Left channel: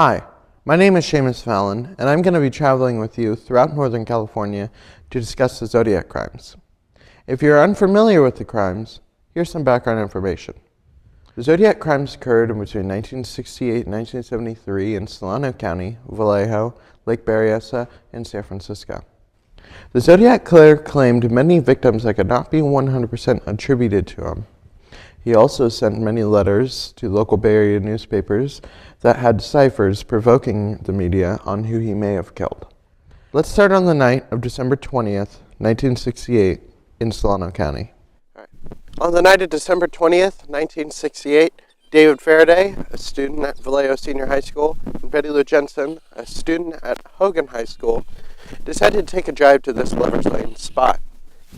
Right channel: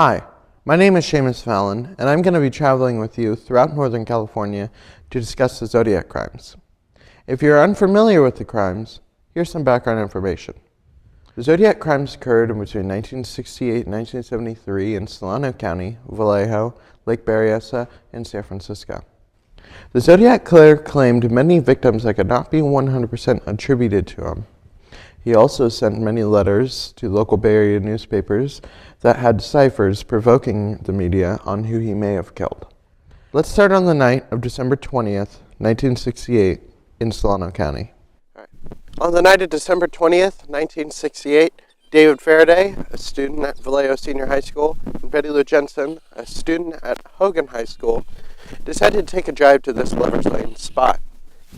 Hi, my name is Seamus Fallon, and I'm going to be traveling with you throughout Northern California to discuss the Zodiac crimes. If you're unfamiliar with the crimes, here's some background information. The Zodiac crimes occurred between 1968 and 1973 in Solano County, Vallejo, Lake Berryessa, and San Francisco. The Zodiac killer claimed many victims that could not be 100% attributed to him. He also sent many letters to local Bay Area newspapers that had ciphers provoking the media on who he may have killed. Let's start on the night of December 20th, 1968 in Solano County. On the night of December 20th, 1968, David Faraday, a student at Vallejo Senior High School, and Betty Lou Jensen, a student at Hogan High School, decided to take a drive to this Lover's Lane spot.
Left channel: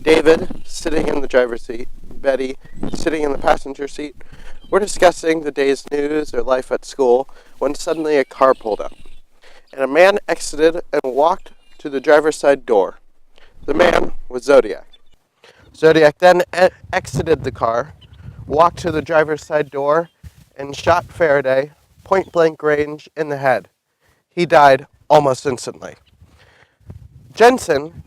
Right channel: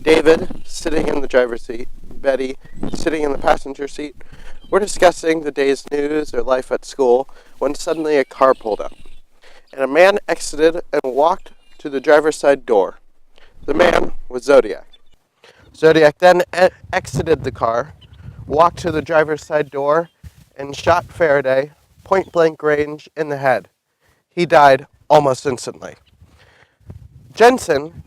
David, sitting in the driver's seat, Betty, sitting in the passenger seat, were discussing the day's news or life at school when suddenly a car pulled up, and a man exited and walked to the driver's side door. The man was Zodiac. Zodiac then exited the car, walked to the driver's side door, and shot Faraday point-blank range in the head. He died almost instantly. Jensen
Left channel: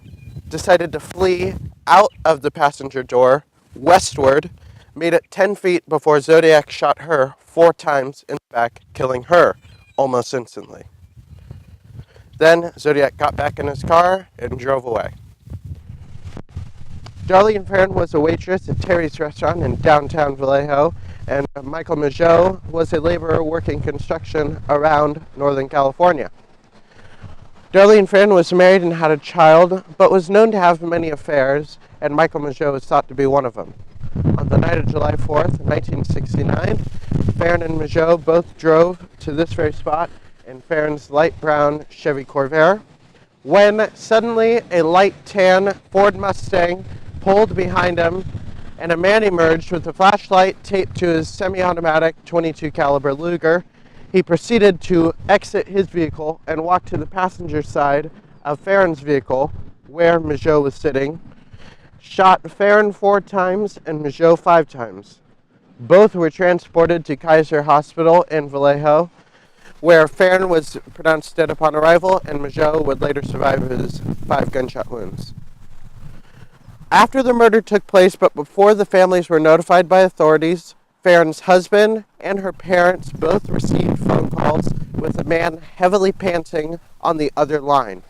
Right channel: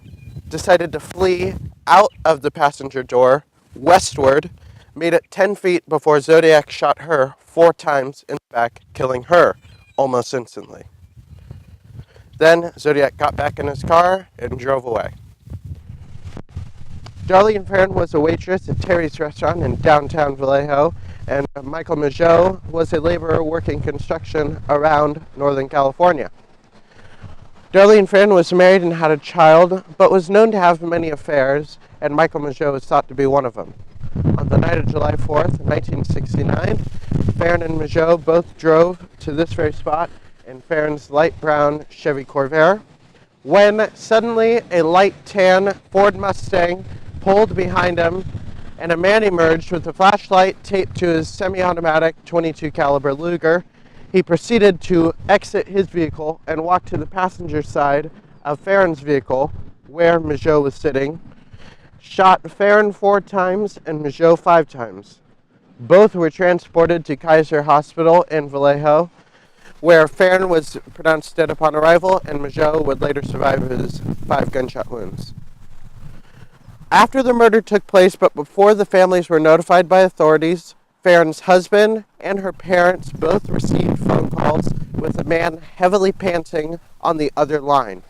decided to flee out of the passenger door westward, made it 10 feet before Zodiac shot her 4 times in the back, killing her almost instantly. Then Zodiac got back in his car and drove away. Darlene Farron was a waitress at Terry's restaurant in downtown Vallejo, and Michael Majot was a laborer working construction around Northern California. Darlene Farron was married and had a child, but was known to have many affairs, and Michael Majot was thought to be one of them. On the night of July 4th, 1969, Farron and Majot both drove to this very spot in Farron's light brown Chevy Corvair, when suddenly a light tan Ford Mustang pulled behind him, and a man emerged with a flashlight taped to his semi-automatic .22 caliber Luger. He proceeded to exit his vehicle and walk to the passenger side of Farron's vehicle, where Majot was sitting, shot Farron 4 times and Majot 5 times. Both were transported to Kaiser Hospital in Vallejo, where Farron was pronounced dead upon arrival, and Majot would later survive his 5 gunshot wounds. After the murder took place, but before the families were notified by authorities, Farron's husband and her parents both received phone calls with a man heavily panting on the other line.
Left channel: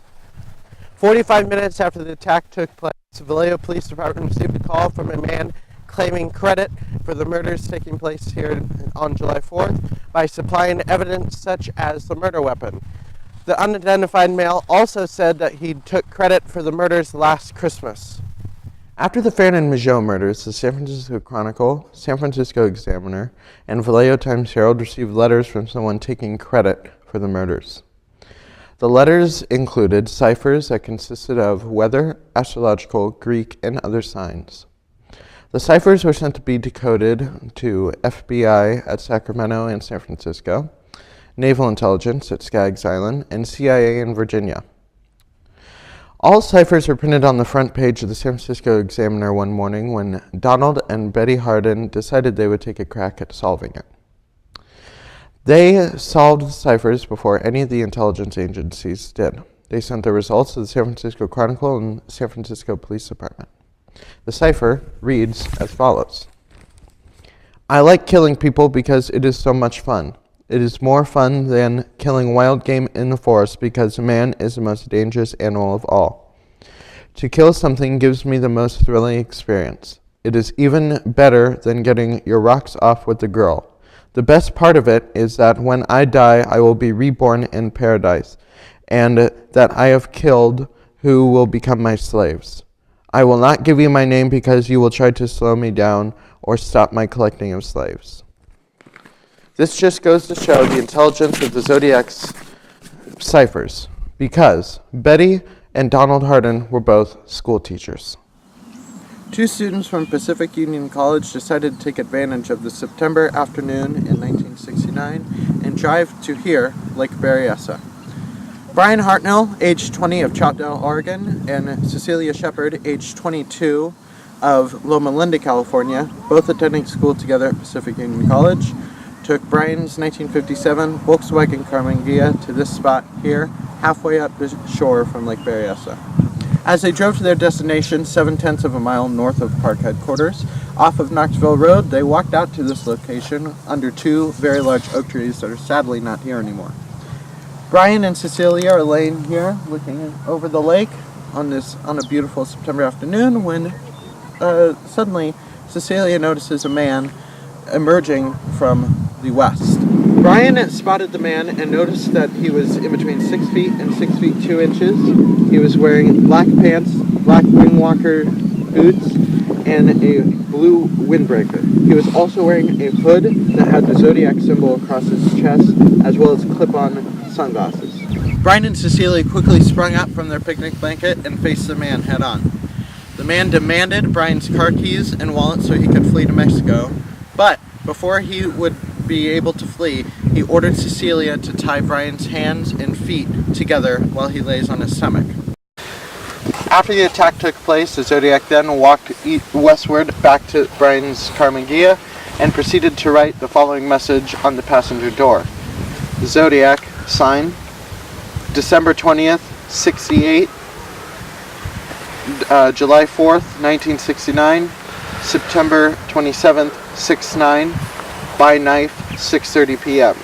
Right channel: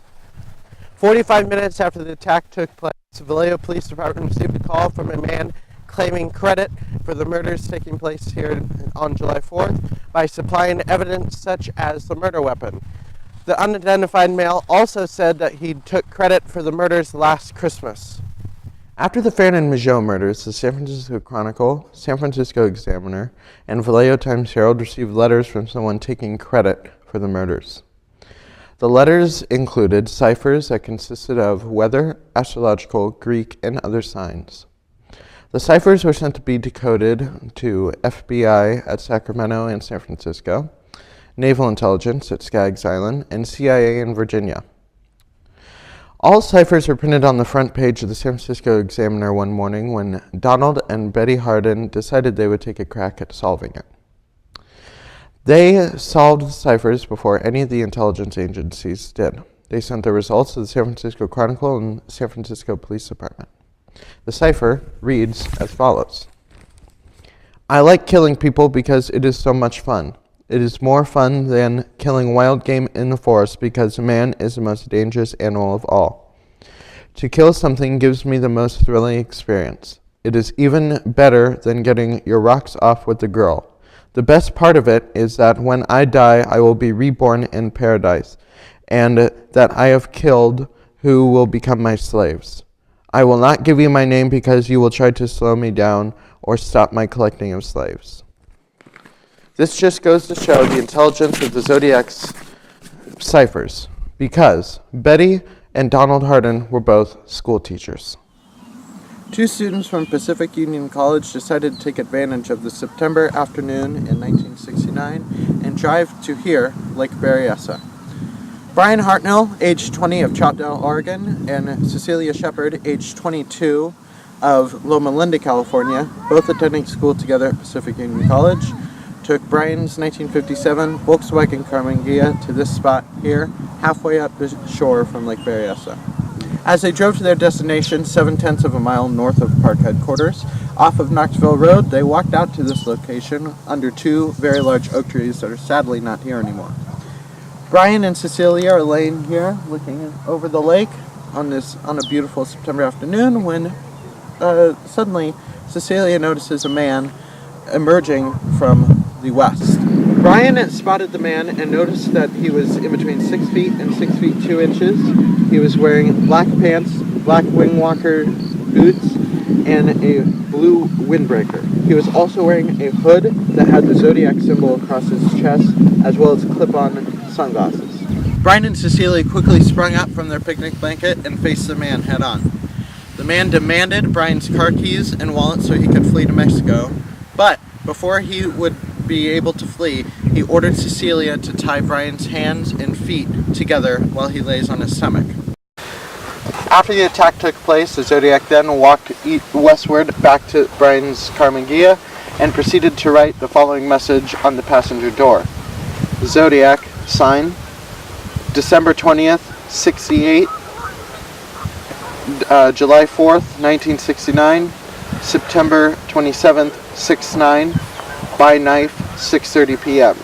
45 minutes after the attack took place, the Vallejo Police Department received a call from a man claiming credit for the murders taking place here on July 4th by supplying evidence such as the murder weapon. The unidentified male also said that he took credit for the murders last Christmas. After the Farron and Majot murders, the San Francisco Chronicle, San Francisco Examiner, and Vallejo Times-Herald received letters from someone taking credit for the murders. The letters included ciphers that consisted of weather, astrological, Greek, and other signs. The ciphers were sent to be decoded to FBI at Sacramento and San Francisco, Naval Intelligence at Skaggs Island, and CIA in Virginia. All ciphers were printed on the front page of the San Francisco Examiner one morning when Donald and Betty Hardin decided they would take a crack at solving it. They solved the ciphers before any of the intelligence agencies did. They sent the results to the San Francisco Chronicle and San Francisco Police Department. The cipher reads as follows. I like killing people because it is so much fun. It is more fun than killing wild game in the forest because man is the most dangerous animal of all. To kill something gives me the most thrilling experience. It is even better than getting your rocks off with the girl. The best part of it is that when I die, I will be reborn in paradise, and that I have killed who will become my slaves. I will not give you my name because you will try to slow me down or stop my collecting of slaves. This just goes to show the intelligence of the Zodiac's ciphers, because Betty and Donald Hardin were both school teachers. 2 students from Pacific Union College decided to take advantage of the September afternoon in 1969 and drive to here, Lake Berryessa. Brian Hartnell, age 20 of Choutdale, Oregon, and Cecilia Shepard, age 22 of Loma Linda, California, both attending school together at Pacific Union College, took Brian's 1957 Volkswagen Karmann Ghia to this spot here, halfway up the shore from Lake Berryessa. As they drove to their destination, 7/10 of a mile north of park headquarters, off of Knoxville Road, they walked out to this location under two very large oak trees that are sadly not here anymore. Brian and Cecilia are laying here looking over the lake on a beautiful September afternoon when suddenly Cecilia notices a man emerging from the west. Brian spotted the man and noticed that he was in between 6 feet and 6 feet 2 inches. He was wearing black pants, black wingwalker boots, and a blue windbreaker. He was also wearing a hood that had the Zodiac symbol across his chest, as well as clip-on sunglasses. Brian and Cecilia quickly sprung up from their picnic blanket and faced the man head-on. The man demanded Brian's car keys and wallet so he could flee to Mexico, but before he would be able to flee, he ordered Cecilia to tie Brian's hands and feet together while he lays on his stomach. After the attack took place, the Zodiac then walked westward back to Brian's Karmann Ghia and proceeded to write the following message on the passenger door. The Zodiac, sign, December 20th, 68, July 4th, 1969, September 27th, 69, by knife, 6:30 p.m.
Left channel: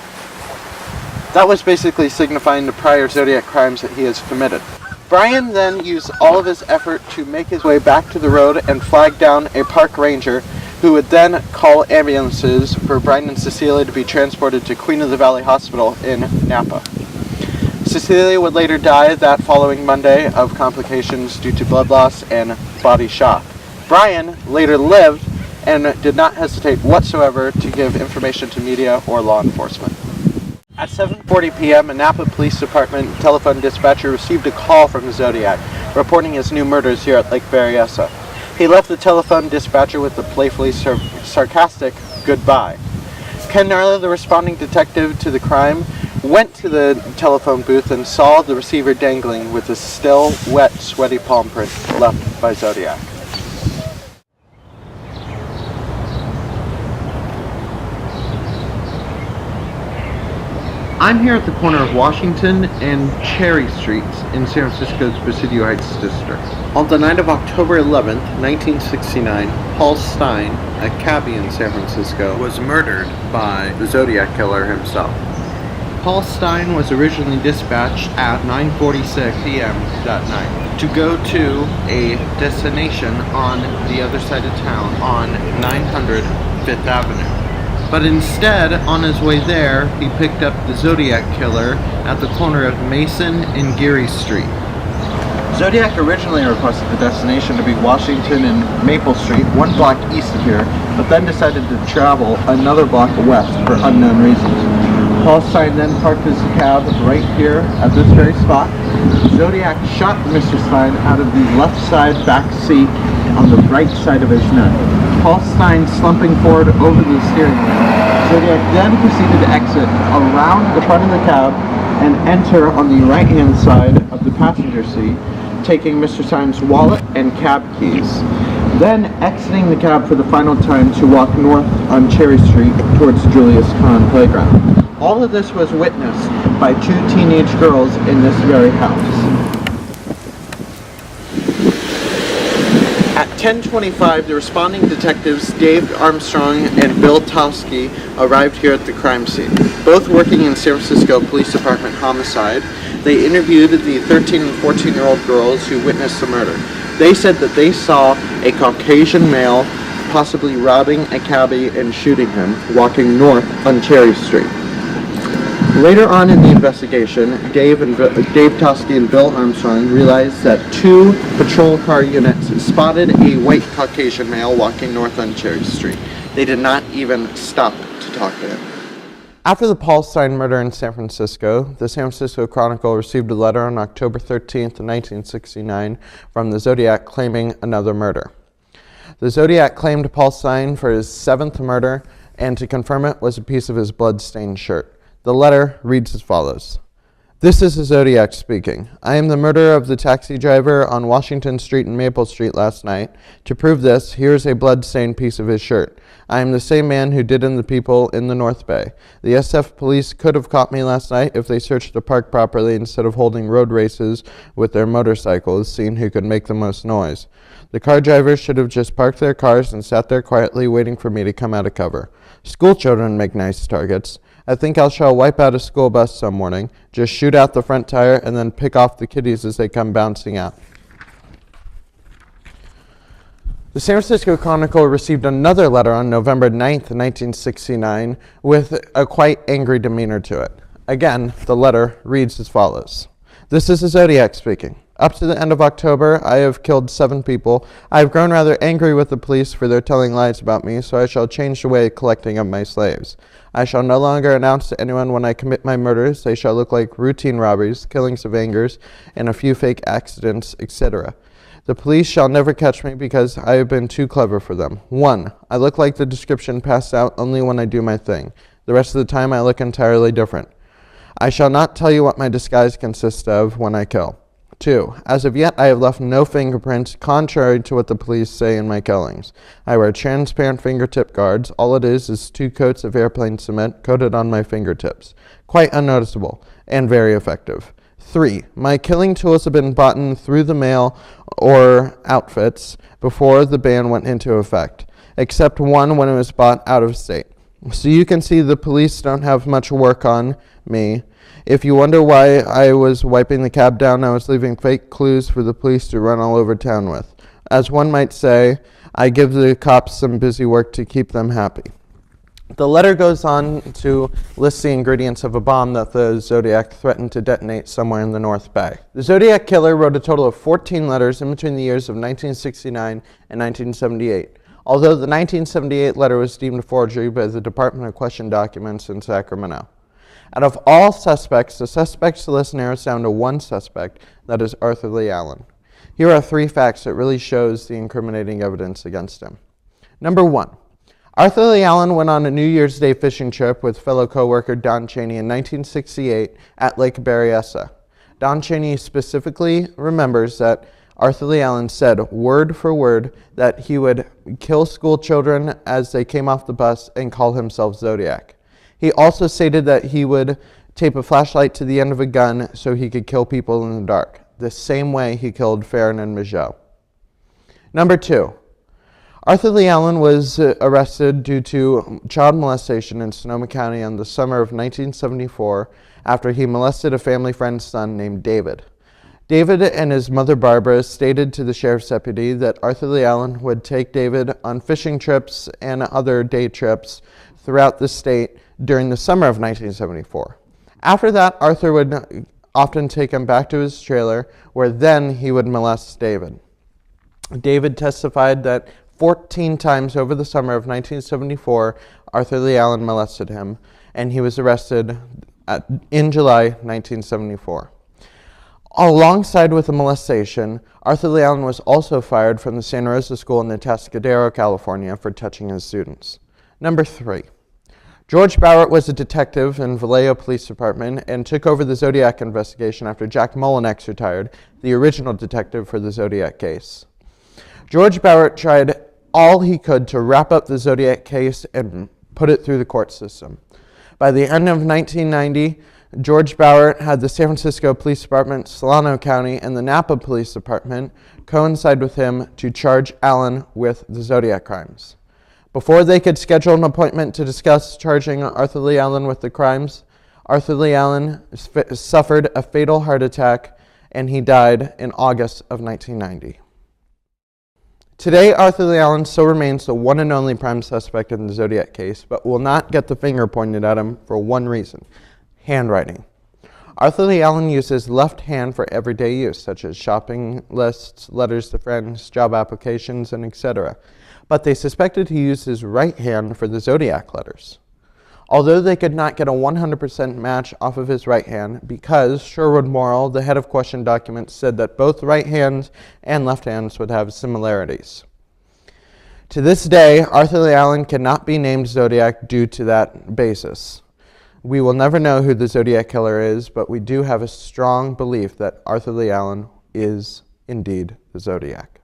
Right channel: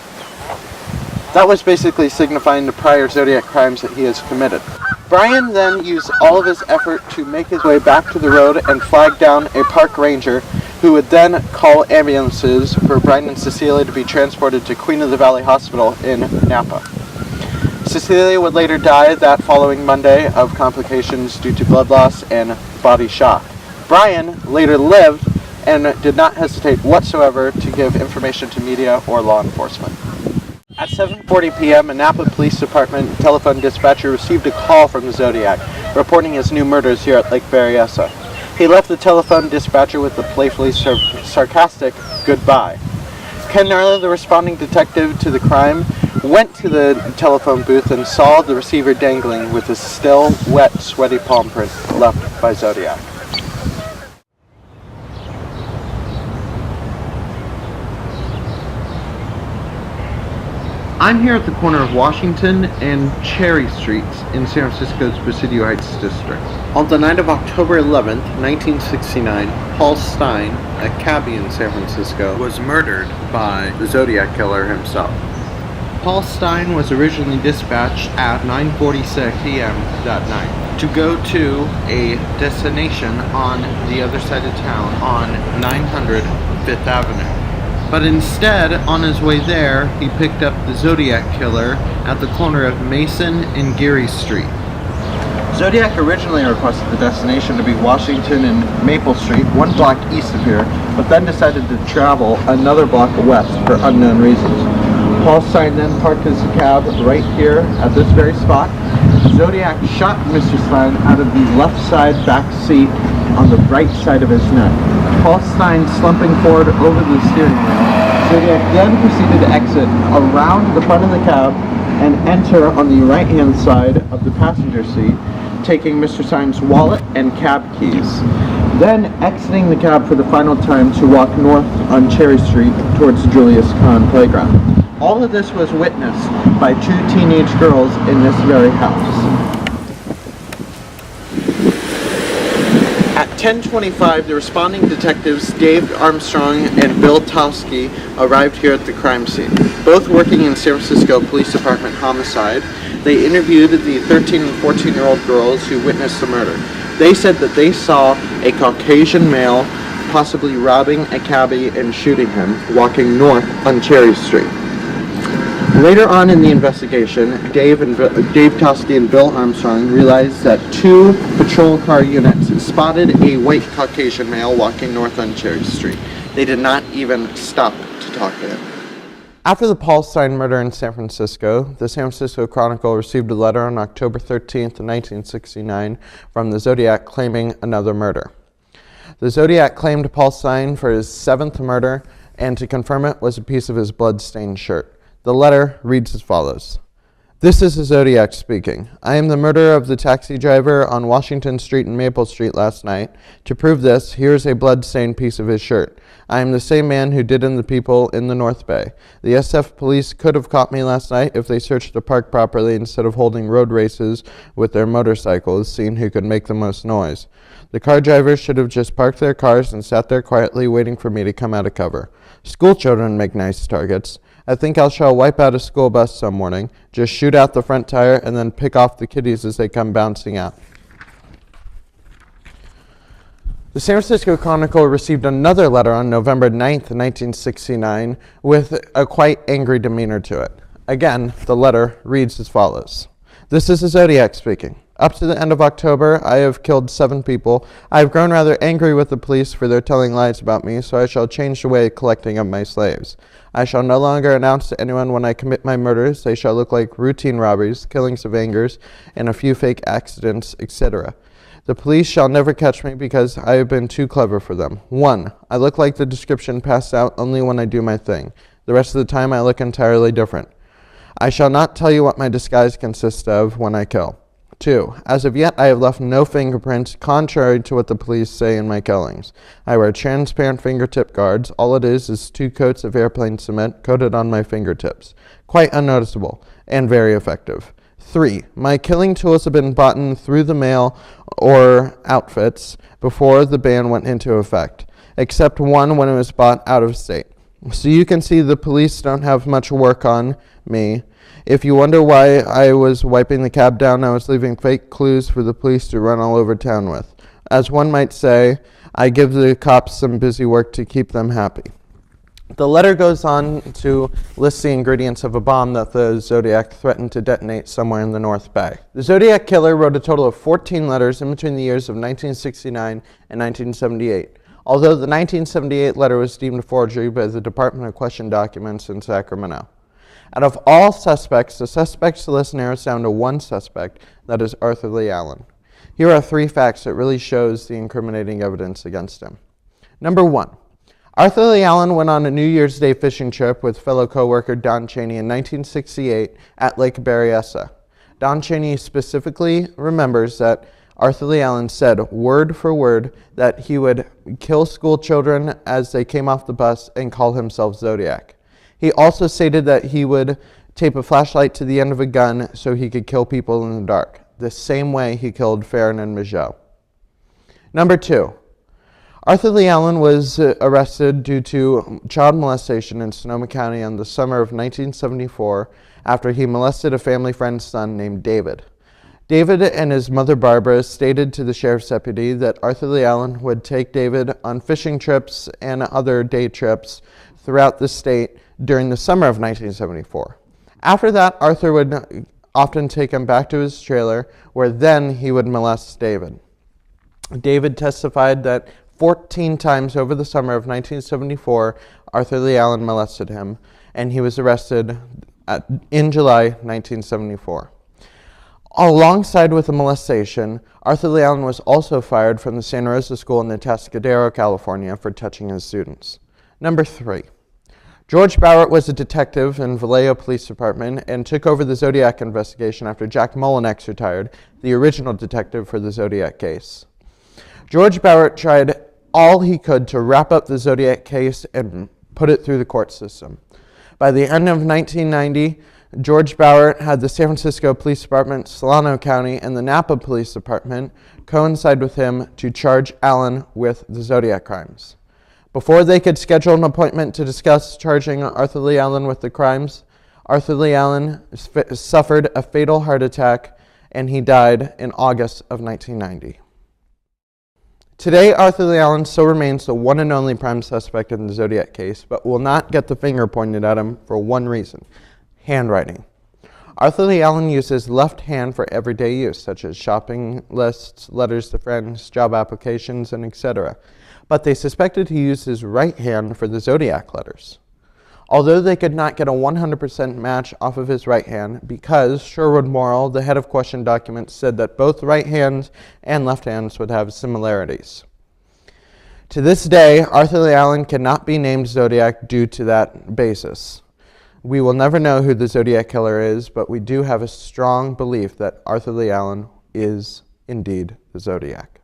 That was basically signifying the prior Zodiac crimes that he has committed. Brian then used all of his effort to make his way back to the road and flag down a park ranger who would then call ambulances for Brian and Cecilia to be transported to Queen of the Valley Hospital in Napa. Cecilia would later die that following Monday of complications due to blood loss and body shock. Brian later lived and did not hesitate whatsoever to give information to media or law enforcement. At 7:40 p.m., a Napa Police Department telephone dispatcher received a call from the Zodiac, reporting his new murders here at Lake Berryessa. He left the telephone dispatcher with a playfully sarcastic goodbye. Ken Narla, the responding detective to the crime, went to the telephone booth and saw the receiver dangling with a still, wet, sweaty palm print left by Zodiac. I'm here at the corner of Washington and Cherry Streets in San Francisco's Presidio Heights district. On the night of October 11th, 1969, Paul Stine, a cabbie in San Francisco, was murdered by the Zodiac killer himself. Paul Stine was originally dispatched at 9:46 p.m. that night to go to a destination on the other side of town on 900 Fifth Avenue. But instead, on his way there, he picked up the Zodiac killer at the corner of Mason and Geary Street. Zodiac originally requested the destination to be Washington and Maple Street, one block east of here, but then decided to travel another block west for unknown reasons. Paul Stine then parked his cab right here at this very spot. Zodiac shot Mr. Stine out of the left side back seat on the right side of his neck. Paul Stine slumping forward over the steering wheel. Zodiac then proceeded to exit around the front of the cab and enter on the right-hand side of the passenger seat, taking Mr. Stine's wallet and cab keys. Then exiting the cab for the final time to walk north on Cherry Street towards Julius Kahn Playground. All of this was witnessed by two teenage girls in this very house. At 10:25, the responding detectives Dave Armstrong and Bill Tosky arrived here at the crime scene. Both working in San Francisco Police Department homicide, they interviewed the 13 and 14-year-old girls who witnessed the murder. They said that they saw a Caucasian male possibly robbing a cabbie and shooting him, walking north on Cherry Street. Later on in the investigation, Dave Tosky and Bill Armstrong realized that two patrol car units spotted a white Caucasian male walking north on Cherry Street. They did not even stop to talk to him. After the Paul Stine murder in San Francisco, the San Francisco Chronicle received a letter on October 13th, 1969 from the Zodiac claiming another murder. The Zodiac claimed Paul Stine for his 7th murder, and to confirm it was a piece of his blood-stained shirt. The letter reads as follows. This is the Zodiac speaking. I am the murderer of the taxi driver on Washington Street and Maple Street last night. To prove this, here is a blood-stained piece of his shirt. I am the same man who did in the people in the North Bay. The SF police could have caught me last night if they searched the park properly instead of holding road races with their motorcycles, seeing who could make the most noise. The car drivers should have just parked their cars and sat there quietly waiting for me to come out of cover. School children make nice targets. I think I shall wipe out a school bus some morning, just shoot out the front tire and then pick off the kiddies as they come bouncing out. The San Francisco Chronicle received another letter on November 9th, 1969, with a quite angry demeanor to it. Again, the letter reads as follows. This is the Zodiac speaking. Up to the end of October, I have killed 7 people. I have grown rather angry with the police for their telling lies about me, so I shall change the way of collecting of my slaves. I shall no longer announce to anyone when I commit my murders. They shall look like routine robberies, killings of angers, and a few fake accidents, etc. The police shall never catch me because I have been too clever for them. 1. I look like the description passed out only when I do my thing. The rest of the time I look entirely different. I shall not tell you what my disguise consists of when I kill. 2. As of yet, I have left no fingerprints, contrary to what the police say in my killings. I wear transparent fingertip guards. All it is 2 coats of airplane cement coated on my fingertips. Quite unnoticeable and very effective. 3. My killing tools have been bought through the mail or outfits before the ban went into effect, except one when it was bought out of state. So you can see the police don't have much work on me. If you wonder why I was wiping the cab down, I was leaving fake clues for the police to run all over town with. As one might say, I give the cops some busy work to keep them happy. The letter goes on to list the ingredients of a bomb that the Zodiac threatened to detonate somewhere in the North Bay. The Zodiac killer wrote a total of 14 letters in between the years of 1969 and 1978. Although the 1978 letter was deemed a forgery by the Department of Question Documents in Sacramento. Out of all suspects, the suspects list narrows down to one suspect, that is Arthur Lee Allen. Here are 3 facts that really shows the incriminating evidence against him. Number 1. Arthur Lee Allen went on a New Year's Day fishing trip with fellow co-worker Don Chaney in 1968 at Lake Berryessa. Don Chaney specifically remembers that Arthur Lee Allen said, word for word, that he would kill school children as they came off the bus and call himself Zodiac. He also stated that he would tape a flashlight to the end of a gun so he could kill people in the dark, the same way he killed Farron and Migeot. Number 2. Arthur Lee Allen was arrested due to child molestation in Sonoma County in the summer of 1974 after he molested a family friend's son named David. David and his mother Barbara stated to the sheriff's deputy that Arthur Lee Allen would take David on fishing trips and other day trips throughout the state during the summer of 1974. After that, Arthur would often take him back to his trailer, where then he would molest David. David testified that 14 times over the summer of 1974, Arthur Lee Allen molested him, and he was arrested in July 1974. Alongside with the molestation, Arthur Lee Allen was also fired from the Santa Rosa School in Atascadero, California, for touching his students. Number 3. George Bowert was a detective in Vallejo Police Department and took over the Zodiac investigation after Jack Mullinex retired, the original detective for the Zodiac case. George Bowert tried all he could to wrap up the Zodiac case and put it through the court system. By the end of 1990, George Bowert had the San Francisco Police Department, Solano County, and the Napa Police Department coincide with him to charge Allen with the Zodiac crimes. Before they could schedule an appointment to discuss charging Arthur Lee Allen with the crimes, Arthur Lee Allen suffered a fatal heart attack and he died in August of 1990. Today, Arthur Lee Allen still remains the one and only prime suspect in the Zodiac case, but will not get the finger pointed at him for one reason: handwriting. Arthur Lee Allen used his left hand for everyday use, such as shopping lists, letters to friends, job applications, and etc. But they suspected he used his right hand for the Zodiac letters. Although they could not get a 100% match off of his right hand, because Sherwood Morrill, the head of Question Documents, said that both right hands and left hands would have similarities. To this day, Arthur Lee Allen cannot be named Zodiac due to that basis. We will never know who the Zodiac killer is, but we do have a strong belief that Arthur Lee Allen is indeed the Zodiac.